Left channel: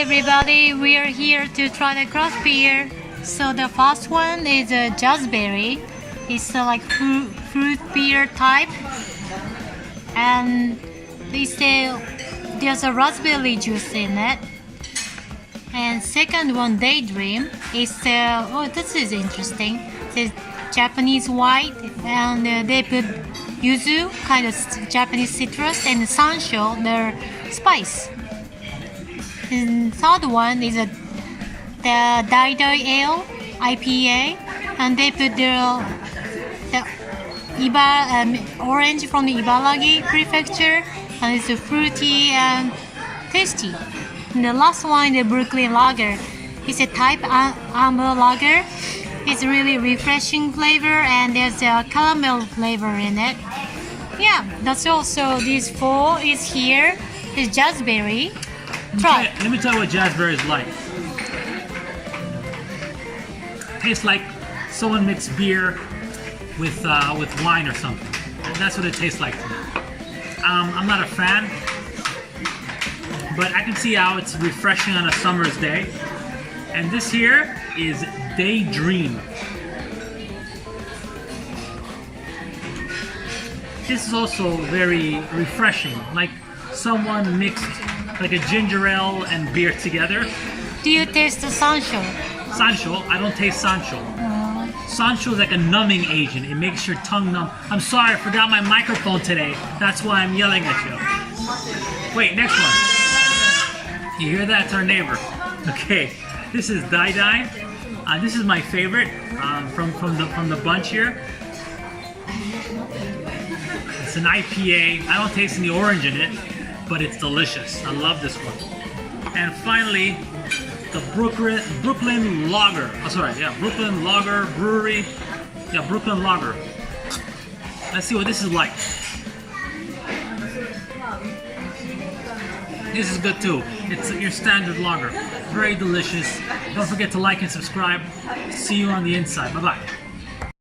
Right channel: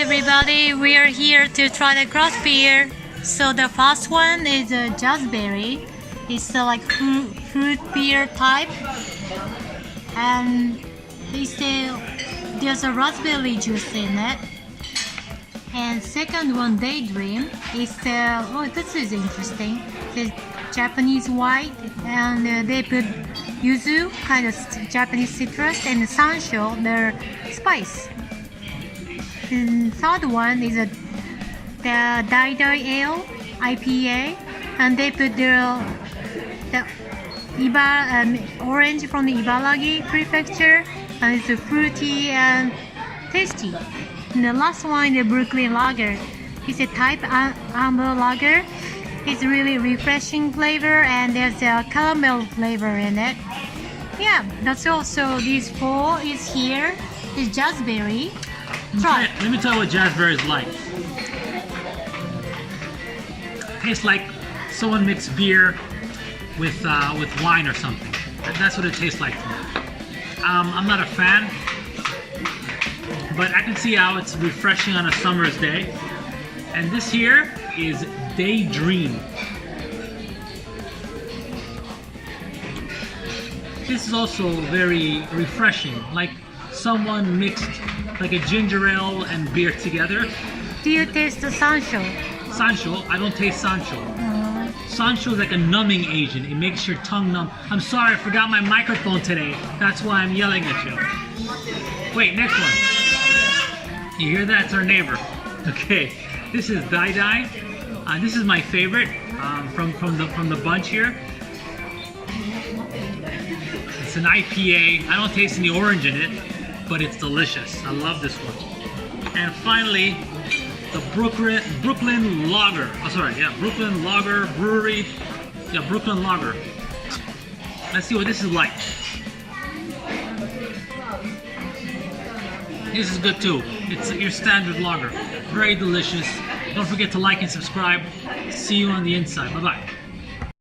everybody, we are here to try the craft beer. So the first one is a jazzberry. It's like fruit beer type, and there's a raspberry juice in it. And second one, daydream, is this is interesting. It's Japanese white, and they put yuzu, kind of Japanese citrus, and sansho, the spice. And third one is the Dai Ale IPA, and they put the orange from the Ibaraki prefecture, and it's fruity and tasty. And the last one, the Brooklyn Lager, it's a type amber lager. It's really refreshing flavor, and there's a caramel flavor in it. Yeah, that's all. So these four is here. It's jazzberry. Try. Let me tell you what jazzberry is like. Tastes like someone mixed beer with wine or something. That's what it tastes like to me. I'm not a fan, but I can see how it's refreshing on a summer's day. And this here is Daydream. This is also very refreshing, like someone mixed like a ginger ale and beer together. Do you taste the sansho? Sansho? I don't taste sansho. Sansho is like a numbing agent. It makes your tongue numb. I'm sorry, I forgot my microphone today. That's why I'm yelling at you. Wait, next one. You hear that? It's our neighbor. Okay, this is Dai Dai. This is my favorite from the bunch here. It's an IPA. I don't taste any orange in it, but it's delicious. I love this one. And finally, the Brooklyn Lager. Oh, sorry, yeah, Brooklyn Lager Brewery. Yeah, Brooklyn Lager. Let's see what this is like. This is good too. It's your standard lager. Very delicious. Don't forget to like and subscribe. See you on the inside. Bye-bye.